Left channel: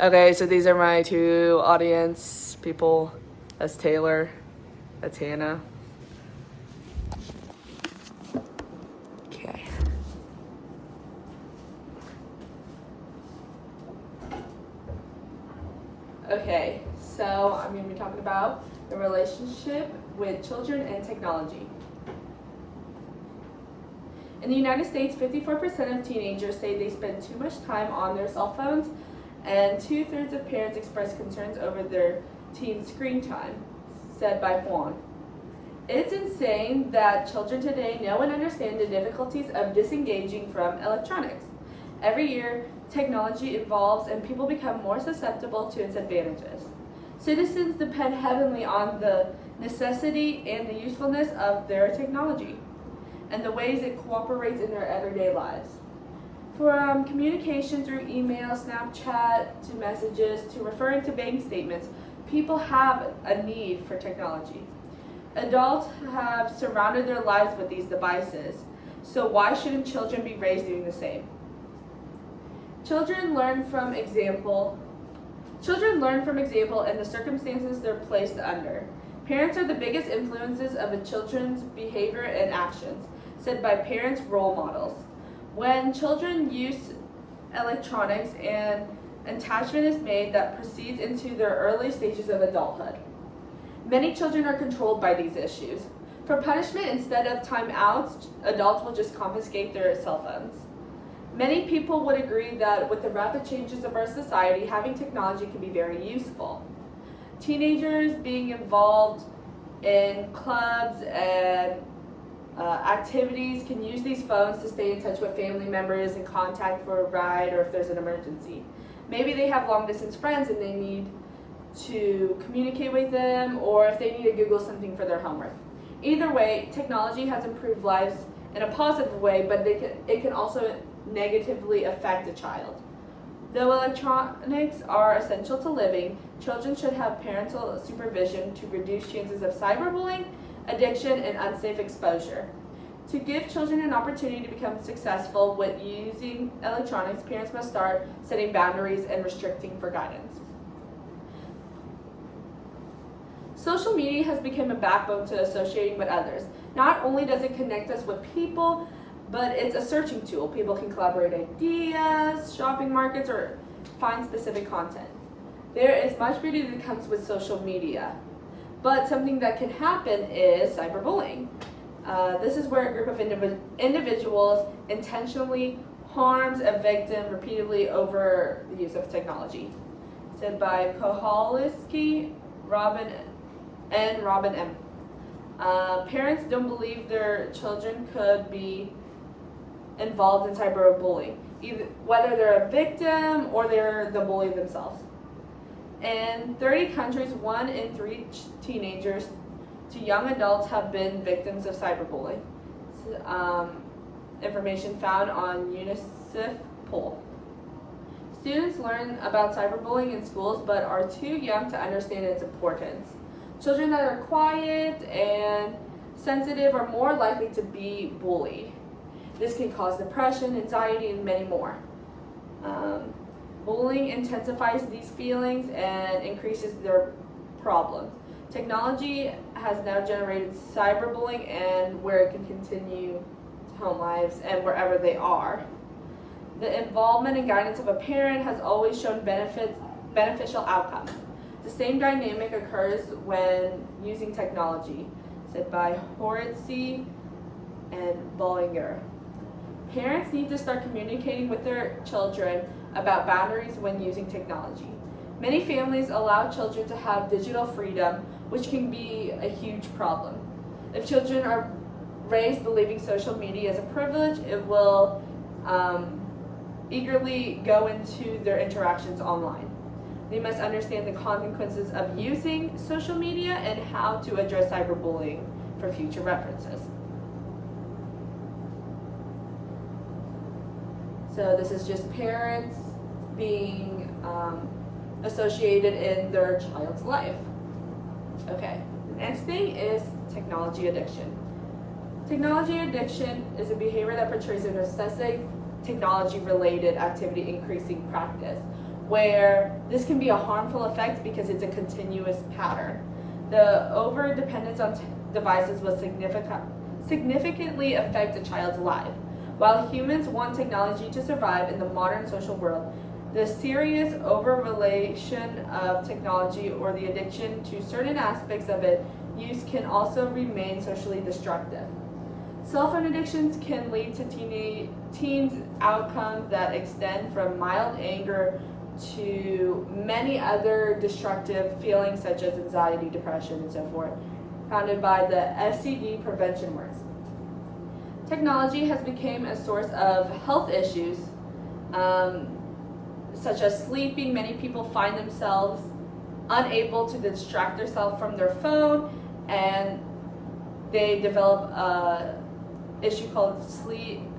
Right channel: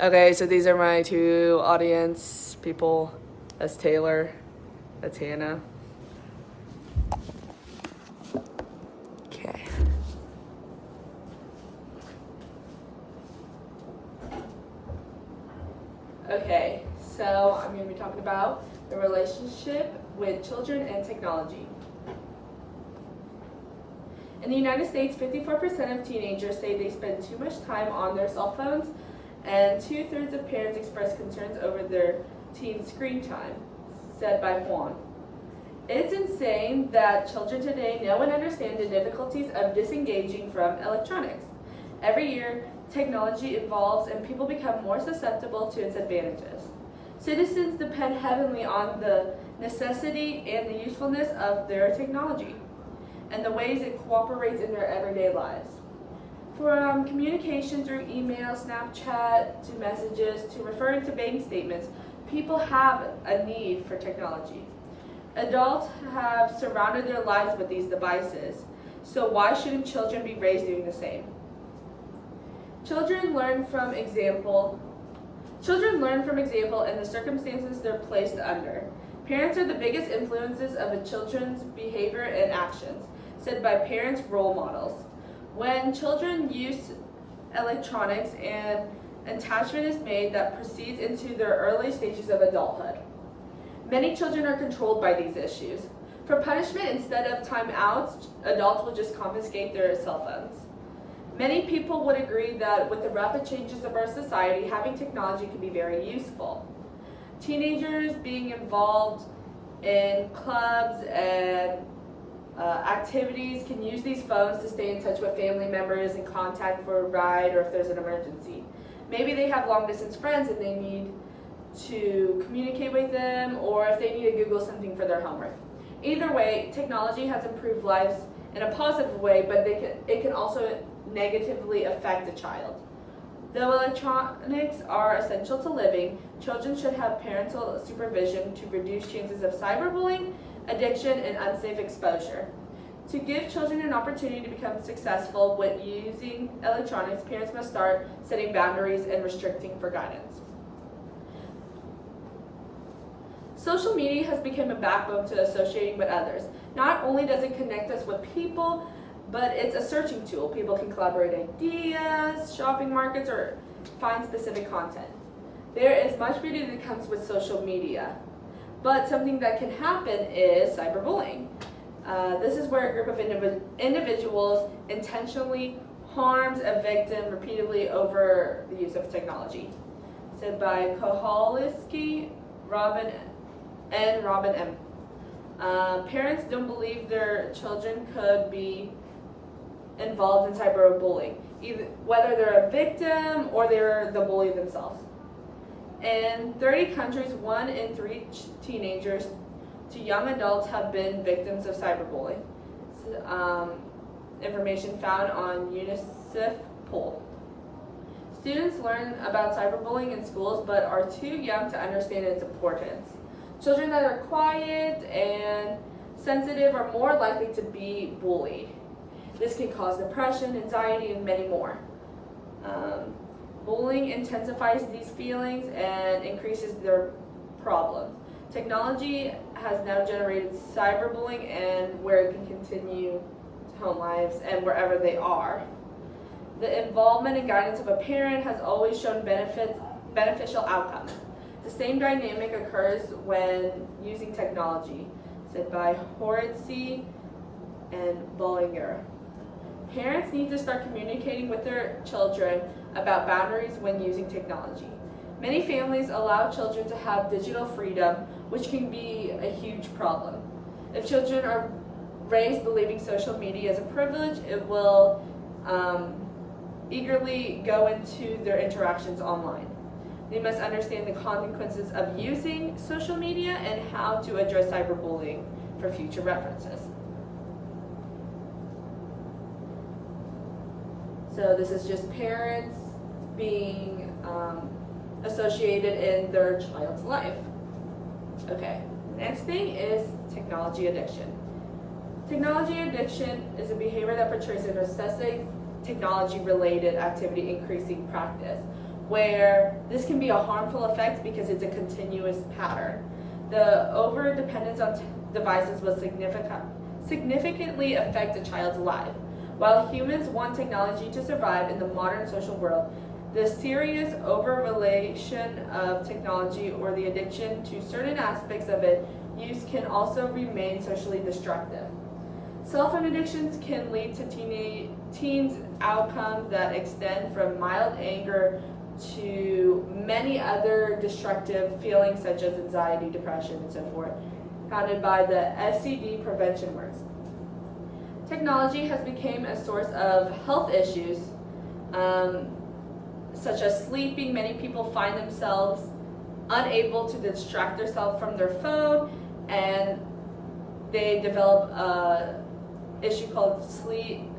Okay, so these are my two audience people. That's Taylor. That's Hannah. Okay. Okay, so I'm going to be talking about the relationship with children and technology. In the United States, 54% of teenagers say they spend too much time on their cell phones, and 2/3 of parents express concerns over their teen screen time, said by Juan. It's insane that children today know and understand the difficulties of disengaging from electronics. Every year, technology evolves and people become more susceptible to its advantages. Citizens depend heavily on the necessity and the usefulness of their technology and the ways it cooperates in their everyday lives. From communication through email, Snapchat, to messages, to referring to bank statements, people have a need for technology. Adults have surrounded their lives with these devices, so why shouldn't children be raised doing the same? Children learn from example and the circumstances they're placed under. Parents are the biggest influences of a children's behavior and actions, said by parents' role models. When children use electronics, an attachment is made that proceeds into their early stages of adulthood. Many children are controlled by these issues. For punishment, instead of timeouts, adults will just confiscate their cell phones. Many people would agree that with the rapid changes of our society, having technology can be very useful. Teenagers being involved in clubs and activities can use these phones to stay in touch with family members and contact for a ride or if there's an emergency. Maybe they have long distance friends and they need to communicate with them, or if they need to Google something for their homework. Either way, technology has improved lives in a positive way, but it can also negatively affect a child. Though electronics are essential to living, children should have parental supervision to reduce chances of cyberbullying, addiction, and unsafe exposure. To give children an opportunity to become successful with using electronics, parents must start setting boundaries and restricting for guidance. Social media has become a backbone to associating with others. Not only does it connect us with people, but it's a searching tool. People can collaborate ideas, shopping markets, or find specific content. There is much beauty that comes with social media, but something that can happen is cyberbullying. This is where a group of individuals intentionally harms a victim repeatedly over the use of technology. Said by Koholowski, Robin M. Parents don't believe their children could be involved in cyberbullying, whether they're a victim or they're the bully themselves. In 30 countries, 1 in 3 teenagers to young adults have been victims of cyberbullying. Information found on UNICEF poll. Students learn about cyberbullying in schools but are too young to understand its importance. Children that are quiet and sensitive are more likely to be bullied. This can cause depression, anxiety, and many more. Bullying intensifies these feelings and increases their problems. Technology has now generated cyberbullying and where it can continue to home lives and wherever they are. The involvement and guidance of a parent has always shown beneficial outcomes. The same dynamic occurs when using technology, said by Horitzi and Bollinger. Parents need to start communicating with their children about boundaries when using technology. Many families allow children to have digital freedom, which can be a huge problem. If children are raised believing social media is a privilege, it will eagerly go into their interactions online. They must understand the consequences of using social media and how to address cyberbullying for future references. So this is just parents being associated in their child's life. Okay, the next thing is technology addiction. Technology addiction is a behavior that portrays a necessary technology-related activity increasing practice. where this can be a harmful effect because it's a continuous pattern. The over-dependence on devices will significantly affect a child's life. While humans want technology to survive in the modern social world, the serious over-relation of technology or the addiction to certain aspects of its use can also remain socially destructive. Cell phone addictions can lead to teens' outcomes that extend from mild anger to many other destructive feelings such as anxiety, depression, and so forth, founded by the STD prevention works. Technology has become a source of health issues, such as sleeping. Many people find themselves unable to distract themselves from their phone, and they develop an issue called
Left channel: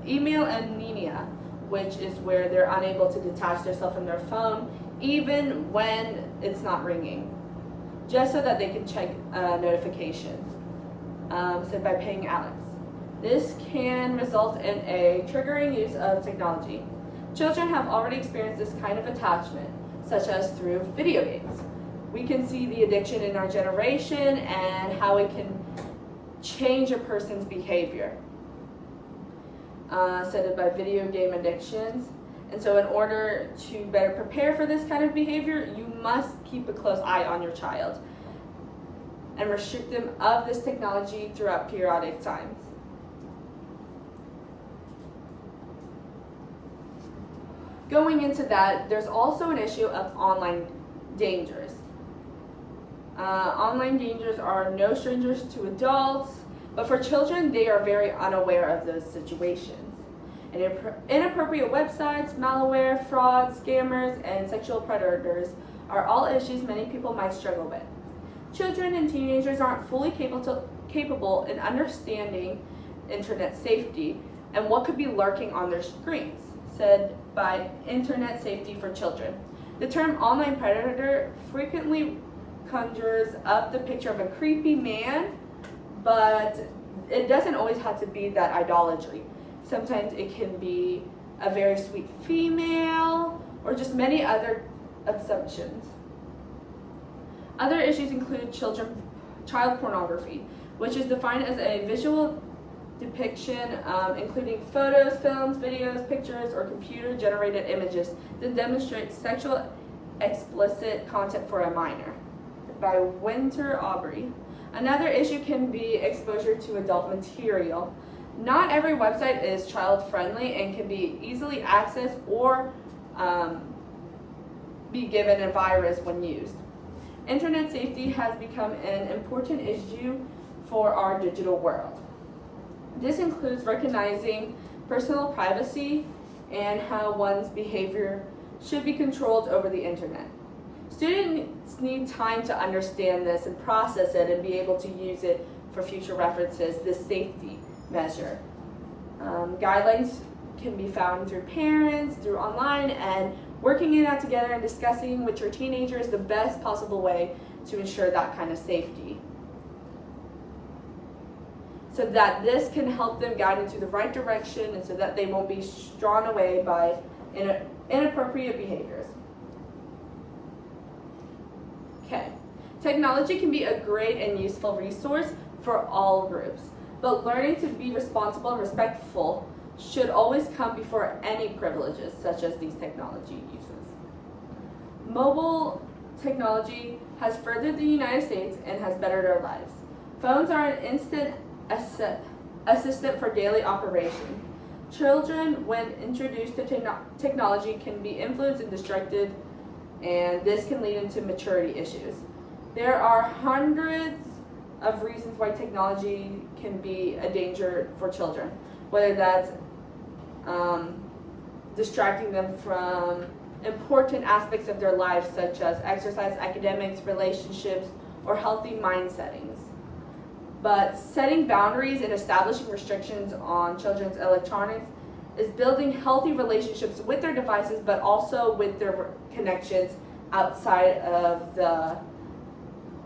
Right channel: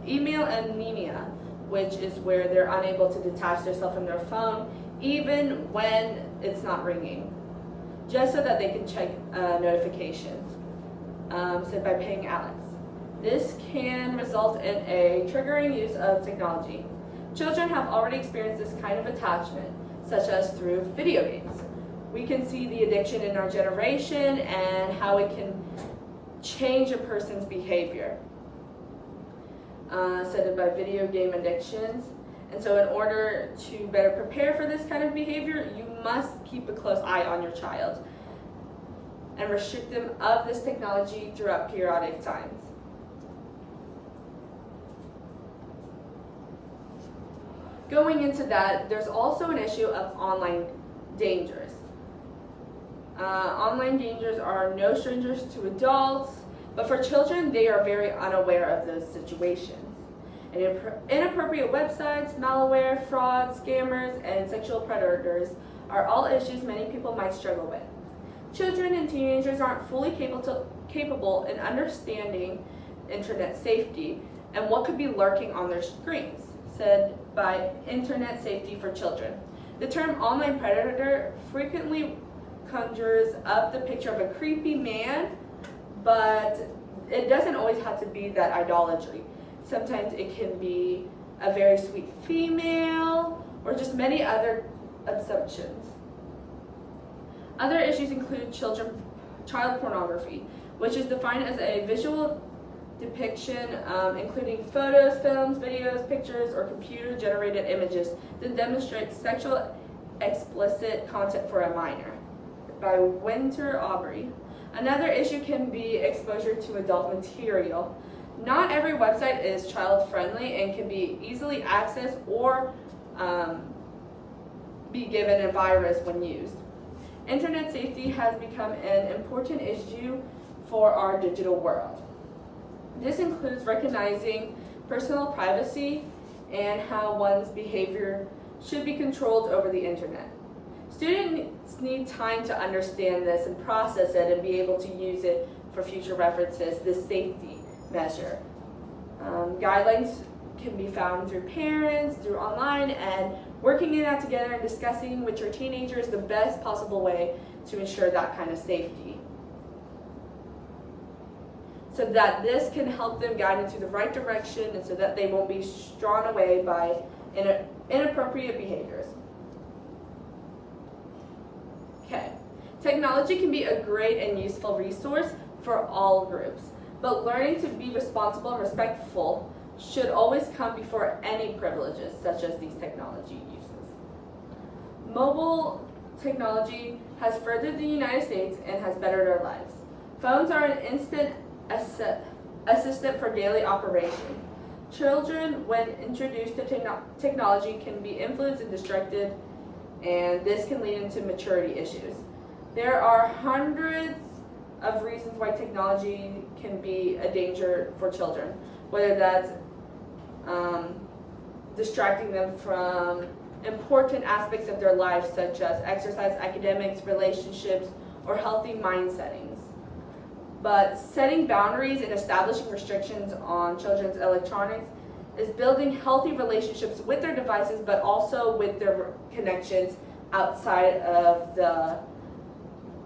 email anemia, which is where they're unable to detach themselves from their phone even when it's not ringing, just so that they can check notifications, said by Payne Alex. This can result in a triggering use of technology. Children have already experienced this kind of attachment, such as through video games. We can see the addiction in our generation and how it can change a person's behavior, said by video game addictions. And so in order to better prepare for this kind of behavior, you must keep a close eye on your child and restrict them of this technology throughout periodic times. Going into that, there's also an issue of online dangers. Online dangers are no strangers to adults, but for children, they are very unaware of those situations. And inappropriate websites, malware, fraud, scammers, and sexual predators are all issues many people might struggle with. Children and teenagers aren't fully capable in understanding internet safety and what could be lurking on their screens, said by Internet Safety for Children. The term online predator frequently conjures up the picture of a creepy man, but it doesn't always have to be that idolatry. Sometimes it can be a very sweet female or just many other assumptions. Other issues include child pornography, which is defined as a visual depiction, including photos, films, videos, pictures, or computer-generated images that demonstrate sexual explicit content for a minor, by Winter Aubrey. Another issue can be exposure to adult material. Not every website is child-friendly and can be easily accessed or be given a virus when used. Internet safety has become an important issue for our digital world. This includes recognizing personal privacy and how one's behavior should be controlled over the internet. Students need time to understand this and process it and be able to use it for future references, this safety measure. Guidelines can be found through parents, through online, and working it out together and discussing with your teenager is the best possible way to ensure that kind of safety, so that this can help them guide into the right direction and so that they won't be drawn away by inappropriate behaviors. Okay, technology can be a great and useful resource for all groups, but learning to be responsible and respectful should always come before any privileges such as these technology uses. Mobile technology has furthered the United States and has bettered our lives. Phones are an instant assistant for daily operation. Children, when introduced to technology, can be influenced and distracted, and this can lead into maturity issues. There are hundreds of reasons why technology can be a danger for children, whether that's distracting them from important aspects of their life, such as exercise, academics, relationships, or healthy mind settings. But setting boundaries and establishing restrictions on children's electronics is building healthy relationships with their devices, but also with their connections outside of the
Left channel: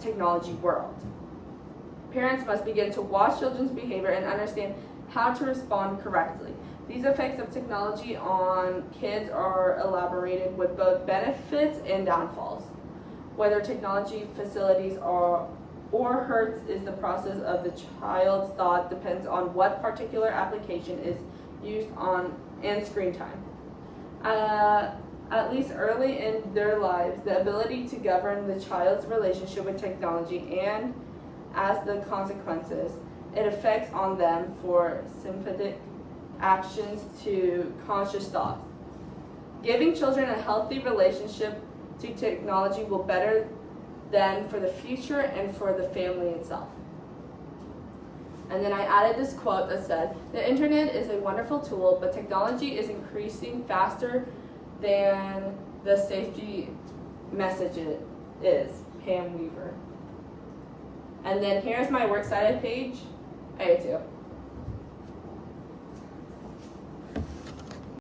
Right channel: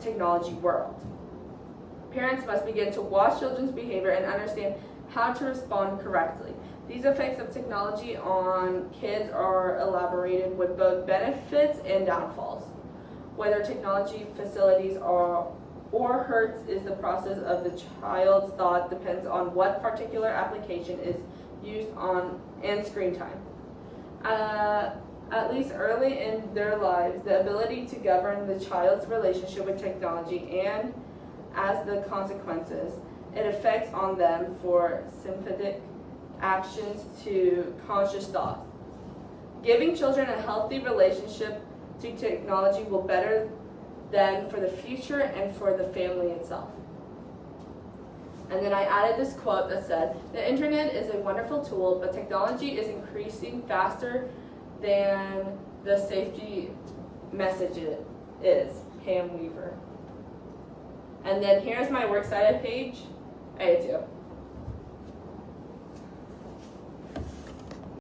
technology world. Parents must begin to watch children's behavior and understand how to respond correctly. These effects of technology on kids are elaborated with both benefits and downfalls. Whether technology facilities are or hurts is the process of the child's thought depends on what particular application is used on and screen time. At least early in their lives, the ability to govern the child's relationship with technology and as the consequences it affects on them for sympathetic actions to conscious thoughts. Giving children a healthy relationship to technology will better them for the future and for the family itself. And then I added this quote that said, "The internet is a wonderful tool, but technology is increasing faster than the safety message is." Pam Weaver. And then here's my works cited page. I do.